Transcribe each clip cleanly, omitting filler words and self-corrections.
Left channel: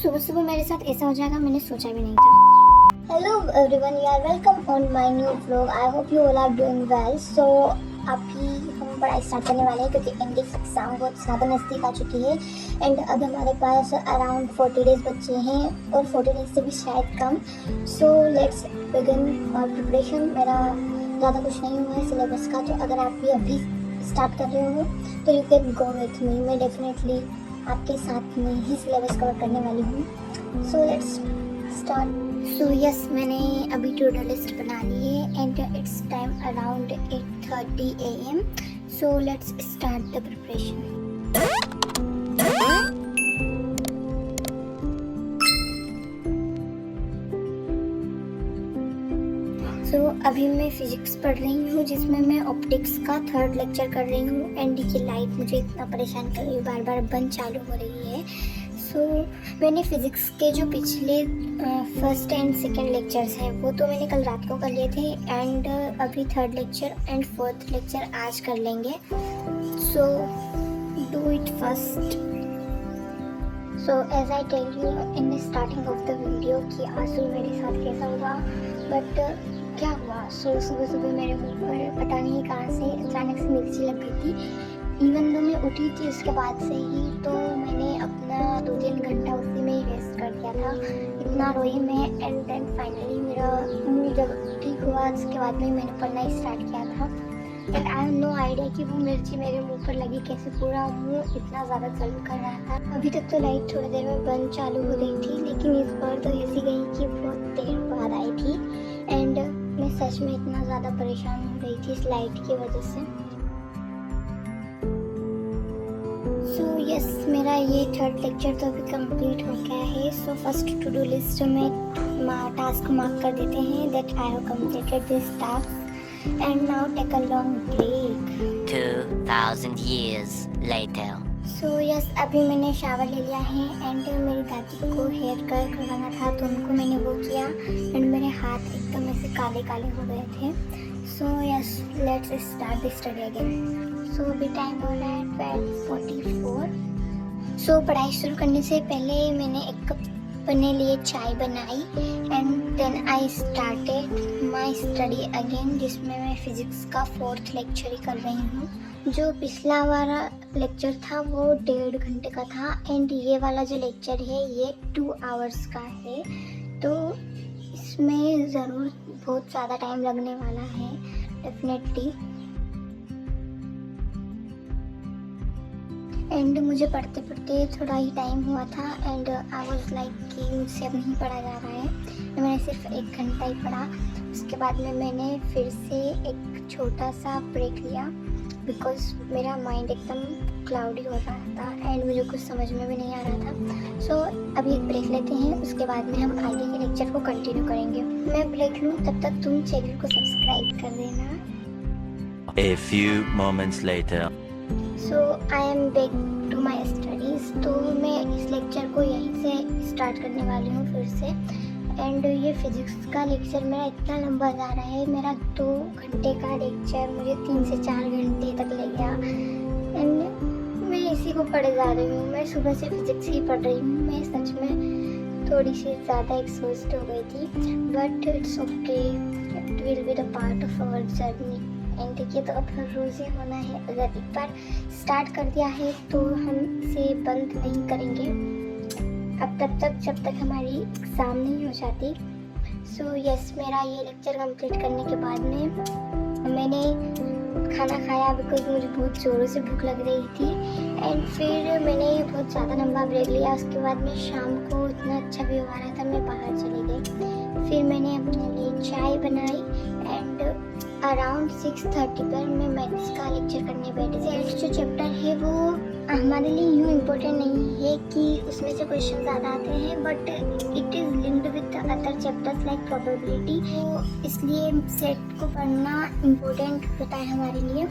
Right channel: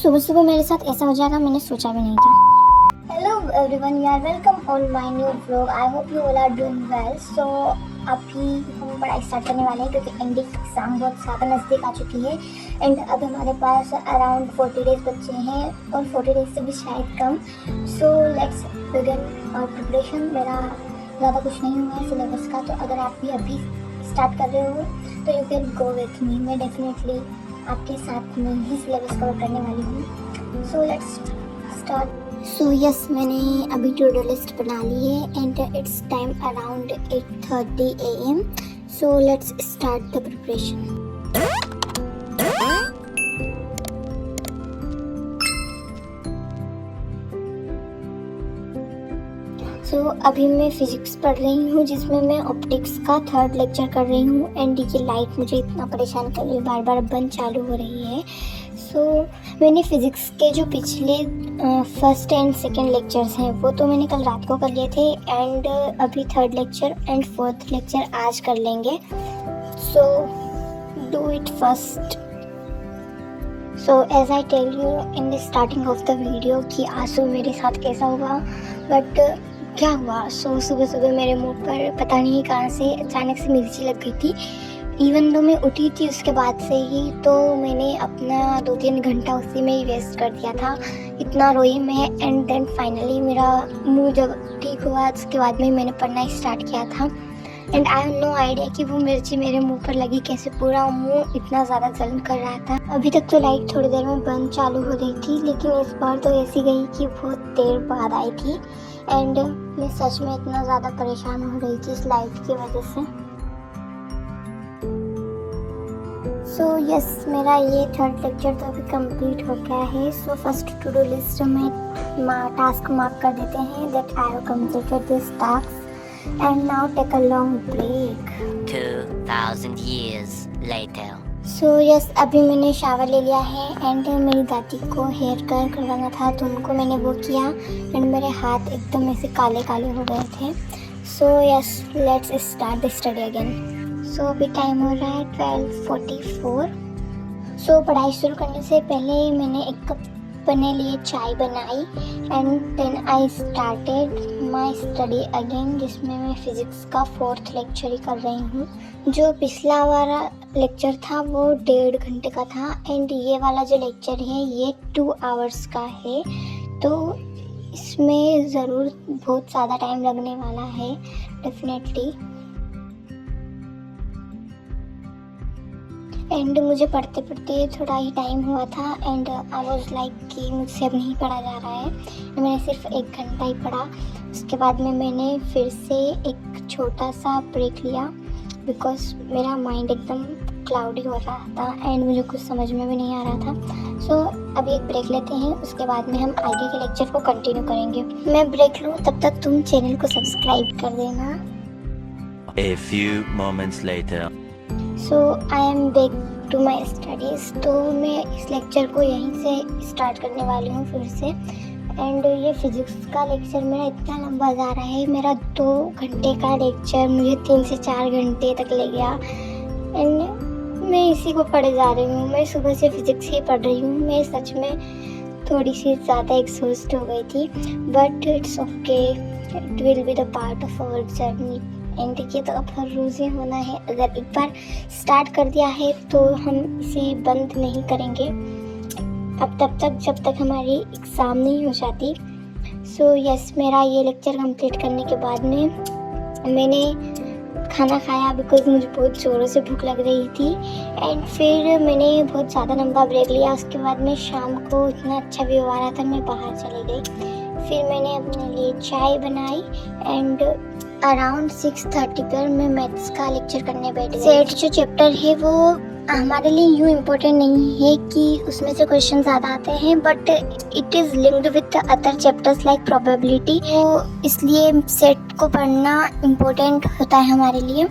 सुबह सुबह मेरे साथ ऐसा हो जाएगा मैंने सोचा भी नहीं था। Hello everyone, you are welcome on my new vlog. I hope you all are doing well. So अभी हम पढ़ाई स्टार्ट करने वाले हैं क्योंकि एंडिंग एग्ज़ाम बहुत ज़्यादा नज़दीक आ चुकी है एंड अभी हमारे पास अराउंड 40 डेज़ बच्चे हैं और 40 डेज़ से भी शायद कम। So let's begin preparation. मेरा ज़्यादा कुछ नहीं हुआ है सिलेबस का, तो अगर आप भी अभी स्टार्ट कर रहे हो तो you can go with me. मैं डेफिनेटली आपके साथ में ही सिलेबस कवर करने वाली हूँ। So let's start. So yes, मैंने अभी टू डू लिस्ट बना ली है and it's time around 8:30 AM। So let's start the preparation. अभी मैं फिजिक्स पढ़ रही हूँ जिसमें मैं ऑप्टिक्स का 3rd लेक्चर कर रही हूँ एंड ये लाइट मुझे इतना परेशान कर रही है, बार बार बंद चालू हो रही है। मैंने फिज़िक्स के जो पिछले 1st एंड 2nd लेक्चर्स हैं वो तो मैंने कल रात को कर लिए थे एंड अभी 3rd lecture and 4th lecture आज कर लेंगे। So do it first. So as I tell you in the starting of the video कि आज सुबह मेरे साथ कैसा हुआ, बट क्या हुआ। सुबह सुबह मेरे मुंह पर पता नहीं कहाँ से अचानक से मिर्ची लग गई थी। इवन तो मैं उठी थी उसके बाद से ही, तो मैंने अपना 2-3 घंटा उसी में ही वेस्ट कर दिया था। इतना रोई मैं एंड देन फाइनली मेरा मुंह जब ठीक हुआ उसके बाद में मैंने पढ़ना स्टार्ट किया था and I have no idea कि वो मिर्ची मेरे मुंह पर लगी कैसे, पूरा मुंह इतना ज़्यादा जलन कर रहा था। अभी तक तो लाइट थोड़ी देर में बंद चालू हो रही थी लेकिन इस बार तो ऐसी गई कि बहुत देर बाद आई थी एंड मैं सच में इतना ज़्यादा परेशान हो रही थी इस लाइट की वजह से। सो यस, मेरा ये 3rd लेक्चर तो अभी कंप्लीट हो गया है। So first to do list में टास्क मार्क कर देते हैं that I have completed this task and now take a long break. 2000 years later. So yes, अभी मैंने शावर ले लिया है एंड मेरी दादी को हेयर कलर करवाना था तो उनको मैंने वो किया एंड मेरे हाथ एकदम ऐसे काले काले हो गए थे। So yes, let's start the study again. So अभी टाइम हो रहा है 12:44। सो पढ़ाई शुरू करने से पहले मैंने एक कप अपने लिए चाय बनाई and then I started my study again, जिसमें मैं फिज़िक्स का 4th लेक्चर ही कर रही हूँ। जो पिछला वाला लेक्चर था वो 1.5 घंटे का था एंड ये वाला जो लेक्चर है ये 2 आवर्स का है, तो इसमें ज़रूर बहुत ज़्यादा टाइम लगने वाला है डेफिनेटली। एंड मुझे पढ़ते पढ़ते थोड़ा ही टाइम हुआ था एंड आई वाज लाइक कि मुझसे अब नहीं पढ़ा जा रहा है। मैंने सिर्फ 1 घंटा ही पढ़ा। उसके बाद में मैंने फिर से एक छोटा सा ब्रेक लिया बिकॉज मेरा माइंड एकदम क्लाउडी हो रहा था एंड मुझे कुछ समझ में भी नहीं आ रहा था। सो अभी एक ब्रेक लेते हैं, उसके बाद में हम आगे के लेक्चर को कंटिन्यू करेंगे। मैं ब्रेक लूँ तब तक तुम चैनल को सब्सक्राइब कर देना। A few moments later. So I am back to my studies. तो मैं इस लेक्चर को यहीं से स्टार्ट करने वाली हूँ फिर से एंड ये फिज़िक्स का लेक्चर मेरा इतना लंबा जा रहा है। मेरा 2 घंटे का लेक्चर मुझे 3 से 4 घंटे तक ले गया एंड मैं इसी को पढ़े जा रही हूँ। मैं सुबह से फिज़िक्स ही पढ़ रही हूँ। मैं सच में थोड़ी सी ज़्यादा एग्जॉस्ट हो गई थी but it's okay, it will be the part of our journey. And देखिए तो अब हर रोज़ ही होना है। अगर एक बार स्टार्ट कर दिया है तो हम इसे बंद नहीं करेंगे अब तब तक जब तक हमारी एग्ज़ाम नहीं हो जाती। सो यस, मेरा ये लेक्चर कंप्लीट करने के बाद में मैंने खाना खाया बिकॉज मुझे बहुत ज़ोरों से भूख लग रही थी एंड फिर मैंने बहुत ज़्यादा लंबा ब्रेक लिया। उसके बाद में शाम को इतना अच्छा व्यू आ रहा था मैं बाहर चली गई। फिर मैंने अपने लिए चाय बनाई एंड अराउंड 6:30 पर मैं मैथ्स का लेक्चर करने बैठी। सेट जो चैप्टर है वो हमारे लिए यूँ इम्पोर्टेंट नहीं है कि उसमें से क्वेश्चन ज़्यादा आते हैं but it is linked with other chapters like probability, तो इसलिए सेट को पढ़ना इम्पोर्टेंट होता है हमारे लिए।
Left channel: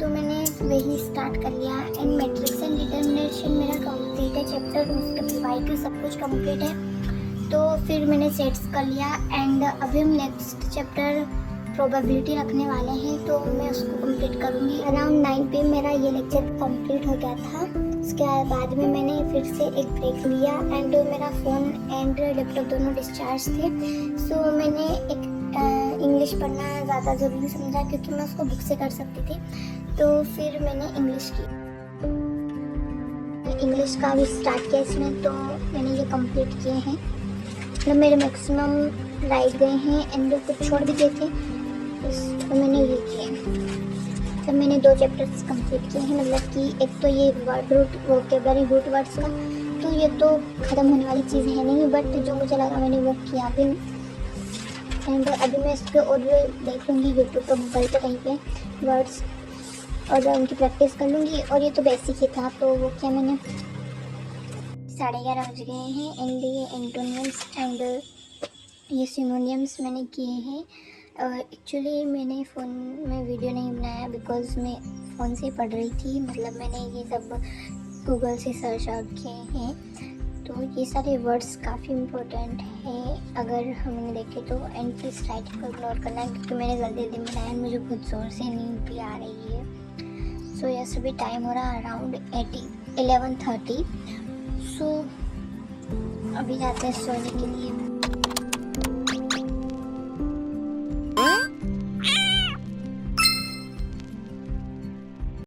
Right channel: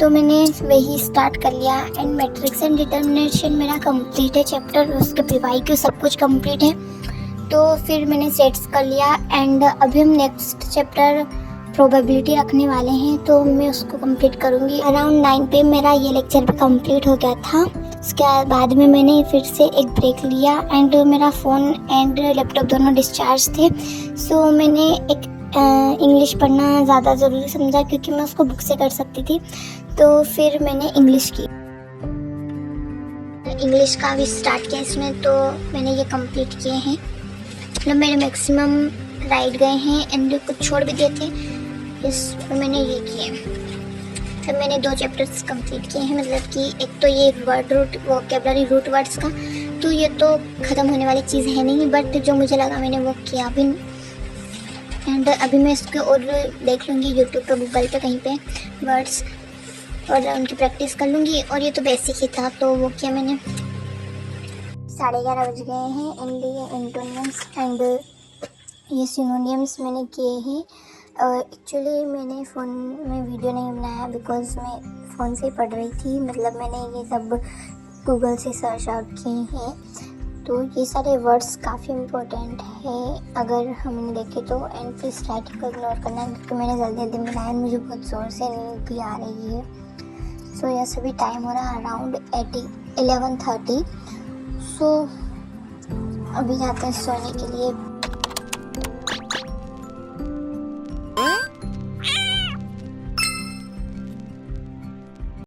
तो मैंने वही स्टार्ट कर लिया एंड मैट्रिक्स एंड डिटर्मिनेशन मेरा कंप्लीट है चैप्टर, उसके PYQ सब कुछ कंप्लीट है। तो फिर मैंने सेट्स कर लिया एंड अभी हम नेक्स्ट चैप्टर प्रोबेबिलिटी रखने वाले हैं तो मैं उसको कंप्लीट करूँगी। अराउंड 9 पे मेरा ये लेक्चर भी कंप्लीट हो गया था। उसके बाद में मैंने फिर से एक ब्रेक लिया एंड मेरा फ़ोन एंड लैपटॉप दोनों डिस्चार्ज थे। सो मैंने एक इंग्लिश पढ़ना ज़्यादा ज़रूरी समझा क्योंकि मैं उसको बुक से कर सकती थी। तो फिर मैंने इंग्लिश की, इंग्लिश का भी स्टार्ट किया इसमें। तो मैंने ये कंप्लीट किए हैं, मतलब मेरे मैक्सिमम राइट गए हैं एंड कुछ छोड़ भी दिए थे, इस मैंने ये किए। फिर मैंने 2 चैप्टर्स कंप्लीट किए हैं, मतलब कि एक तो ये word root vocabulary root words का, तो ये तो ख़त्म होने वाली चीज़ है नहीं, बट जो मुझे लगा मैंने वो किया भी। एंड अभी मैं इसके और देख लूँगी यूट्यूब पर, गूगल पे कहीं पे वर्ड्स, और उनकी प्रैक्टिस कर लूँगी। और ये तो बेसिक ही था, तो वो किया मैंने। 11:30 बज गए हैं एंड ये एंटोनियम्स एंड ये सिनोनियम्स मैंने किए हैं। एक्चुअली मैंने फ़ोन में वीडियो नहीं बनाया बिकॉज मैं फ़ोन से ही पढ़ रही थी, मतलब मैंने ये सब गूगल से सर्च आउट किए हैं। तो ये सारे वर्ड्स काफ़ी इम्पोर्टेंट है अगर हमने देखे तो। एंड प्लीज़ राइटिंग को इग्नोर करना क्योंकि मैंने जल्दी जल्दी बनाया एंड मुझे बहुत ज़ोर से नींद भी आ रही है। सो यस, अभी टाइम हो रहा है अराउंड 11:30। सो अभी जाते हैं सोने के लिए।